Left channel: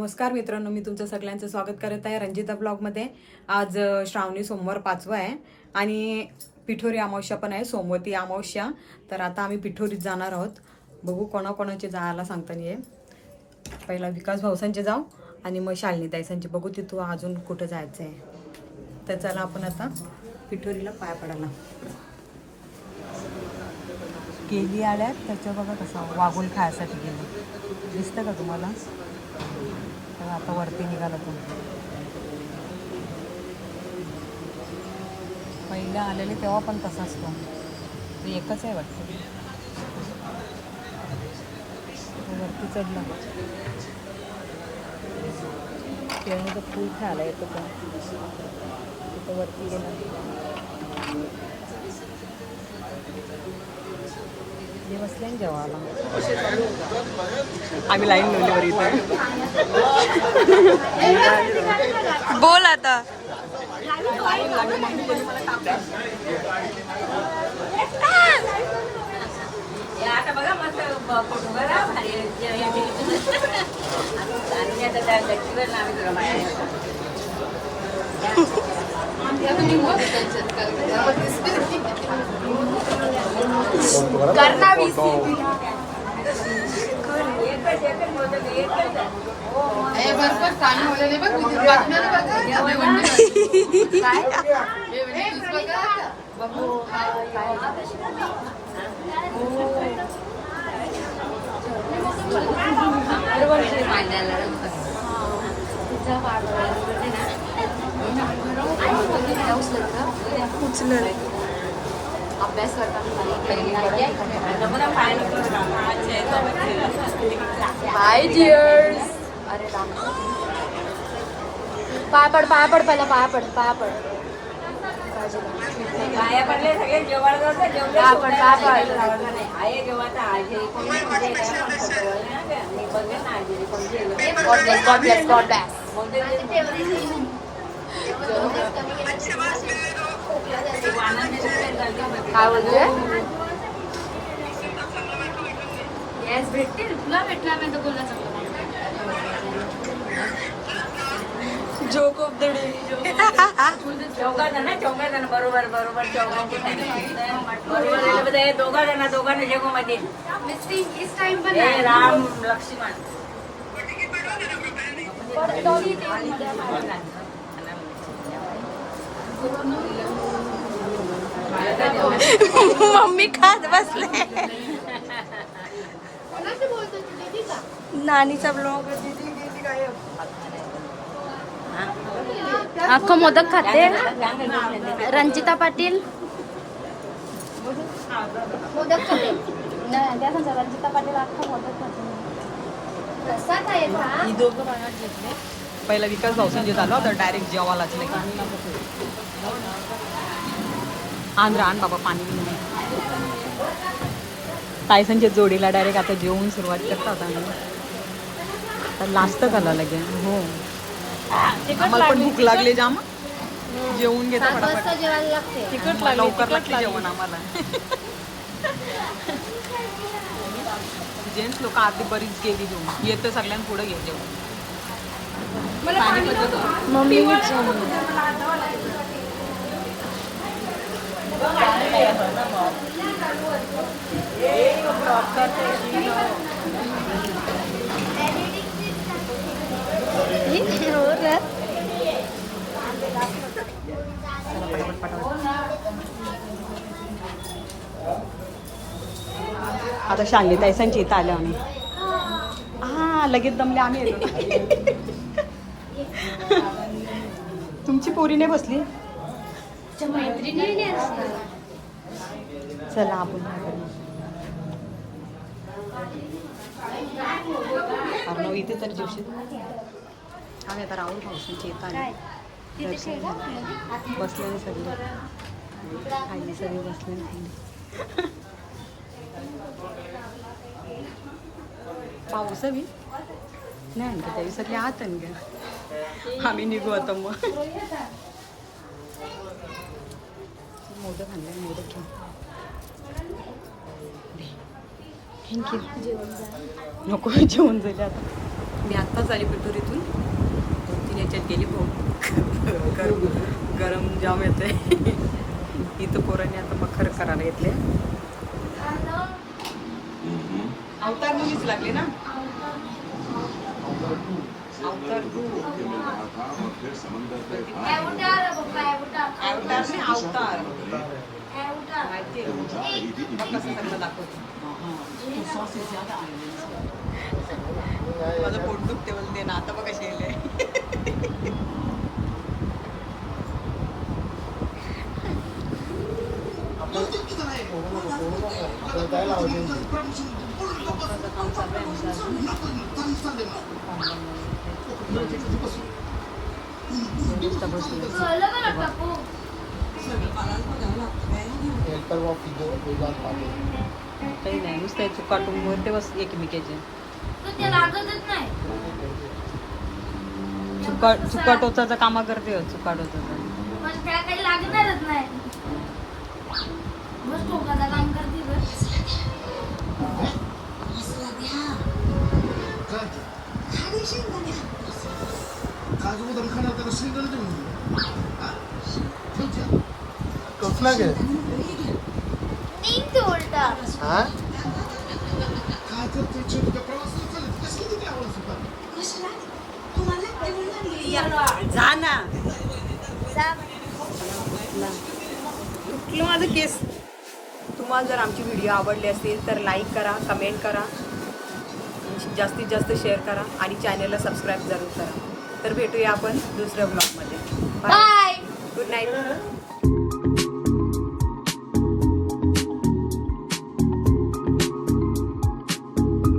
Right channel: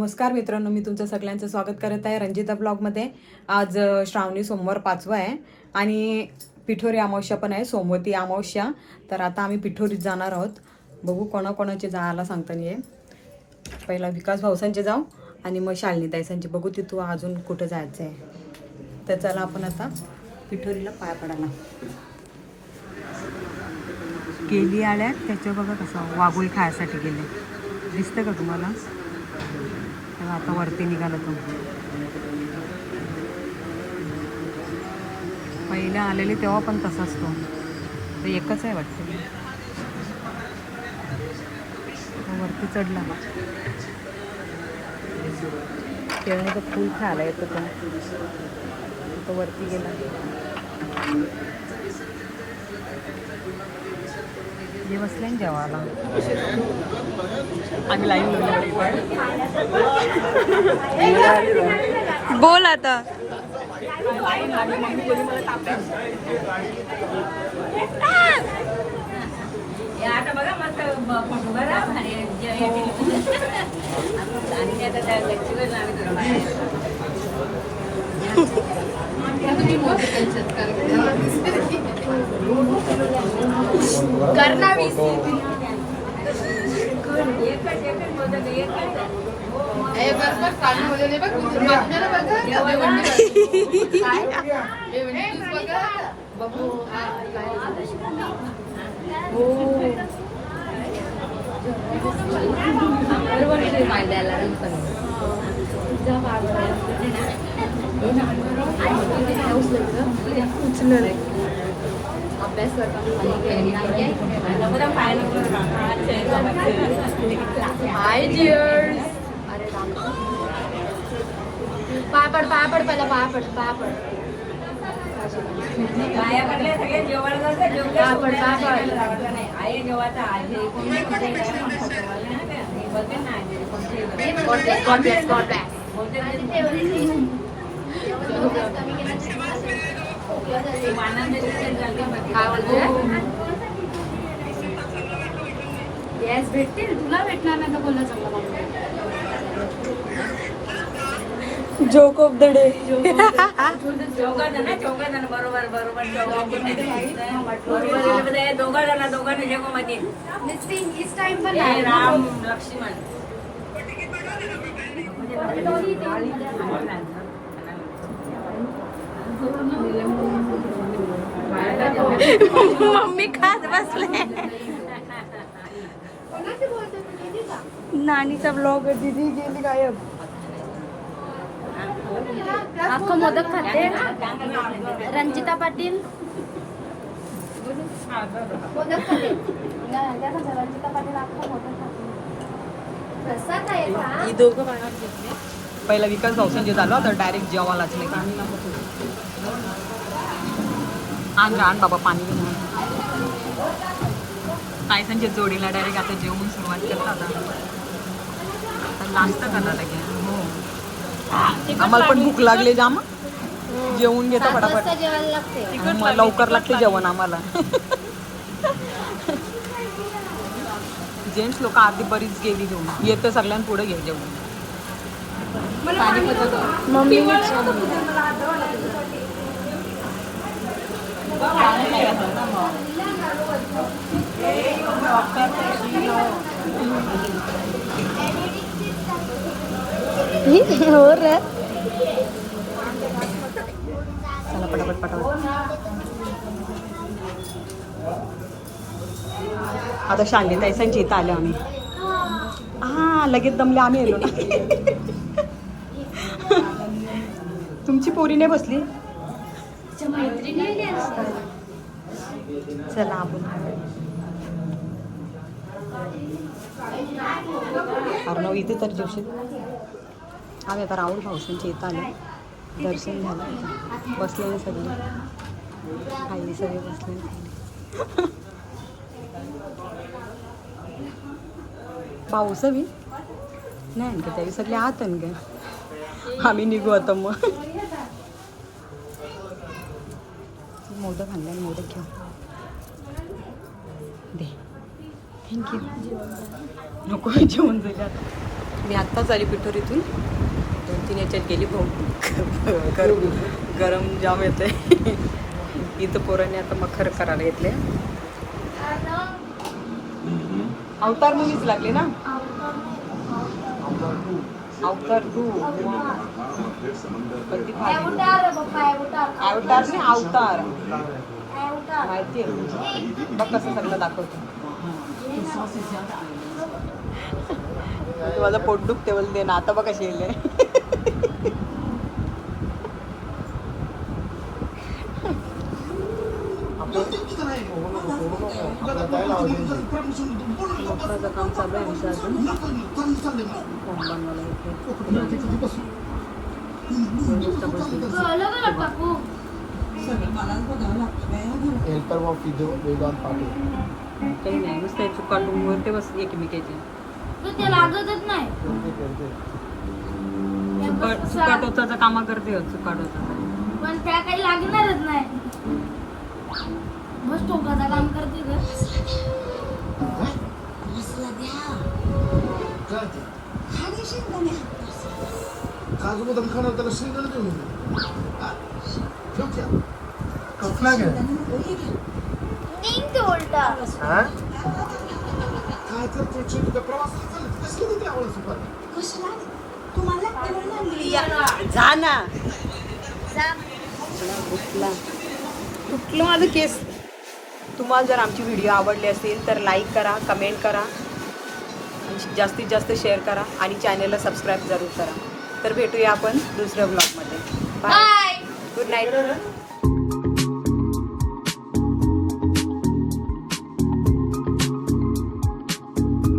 नमस्कार मित्रांनो, मी तुमचं सगळ्यांचं स्वागत करत आहे रंजिता ब्लॉगमध्ये। आज श्रावणी सोमवार 5वा आहे आणि पिठोरी अमावस्या पण आहे, सोमवती अमावस्या। तर आता आम्ही पिठोरीत जाणार आहोत। बघू कोणाकोणाचे जायला सांगता येईल। पहिला विकास भाऊसांचे जाऊ आणि मग शालिनी ताईसांचे बघू तिथून अजून कुठे जायचं आहे। तर चला आपण आता पिठोरीला पाय पडायला। केली आल्या त्याच्या बघा कसं वागुल खायसाठी गेले, दिसतं का तुम्हाला? आता वरती निघाला तो। पहिले आलेली तेव्हा पण तसाच तो एकच आहे वाटतं। वरती चढला तेव्हा तर फुल खायला येतं तो वरती गेला। हे बसले जेवायला। आम्ही लाईन लावली बरी। बोल आता। उचल अभ्यास हाय डियर्स। अरे पापड पापड पहिला पापड पापड पापड पापड काय बोलतोय? Joke of the day. बरोबर राम लक्ष्मण मम्मी खात बसले। नानीचा ब्लॉग दीदी गेली गायब। अख्खा मोदक खाते रंजिता पाटील। मोदक खाते रंजिता पाटील अख्खा मोदक खाते। पहिला विकास भाऊसांचे झालं तर डायरेक्ट जेवायलाच नाही। आण बाबा पाणी घेऊन। ताईसांच्या जोडीला डायरेक्ट आता जेवून सुरुवात करतात। आता लास्ट झालं लगे। हो आम्हाला पण भूक लागली जाम, जेवून घेतो फटाफट। मग लवकर लागते जेवण आम्हाला। जेंट्स लोक आधी बरीच गेली जेवून, येतं सगळ्यांना पुढे घे जेवण। मम्मी चला पटापट पटापट। आता शालिनी ताईसांची इथं आल्या आम्ही। हा लगेच दमले आम्ही येलो ना। तुमची पोरी नाही बसली? चला आपण अर्णव इथे तर जेवशील। आम्ही आता राहुल भाऊसांच्या इथं आले, दर्शन झालं, बसले सगळे खाली सगळे बसले। पाऊस बी नाही आणखी तरी सगळे आत ग। आम्ही निघू आता मग। मोदक आणले, मोदक घेऊ दे। थँक्यू। नको जेवण जाईल आता। मी आत्ताच आली पिठोरीतून 2-3 याच्यात गेली भाऊ गरम जाम येते इथं पोरांनी आता मखर करायला घेतले अवतार मुलीच लागले ना अवतार 2 अवतार नाही अवतार माहिती आहे बघ कसं सगळं दाखवतो माझं पोट दुखते बोलते ना आता बघ कशी येईल काम चालू आहे नुसतं चुकाटून म्हणते बस एकमेकाची चुकाटोचं कामा करते चुकाटोचं पण त्या काही लागणारच नाही बस टोकाचं काम करते काजू बदाम खाणार त्याला शेंगदाणे देऊन कसला घ्या नीट उलटा हा काय करते छोटा प्रवास किती द्यावं जा ना तुटलं माझं केस तुम्हाला जर आमची व्हिडिओ आवडली असेल तर लाईक करा कमेंट करा आणि जास्तीत जास्त शेअर करा आणि चॅनलला सबस्क्राईब जरूर करा तर भेटूया आपण दुसऱ्या ब्लॉगमध्ये बाय गुड नाईट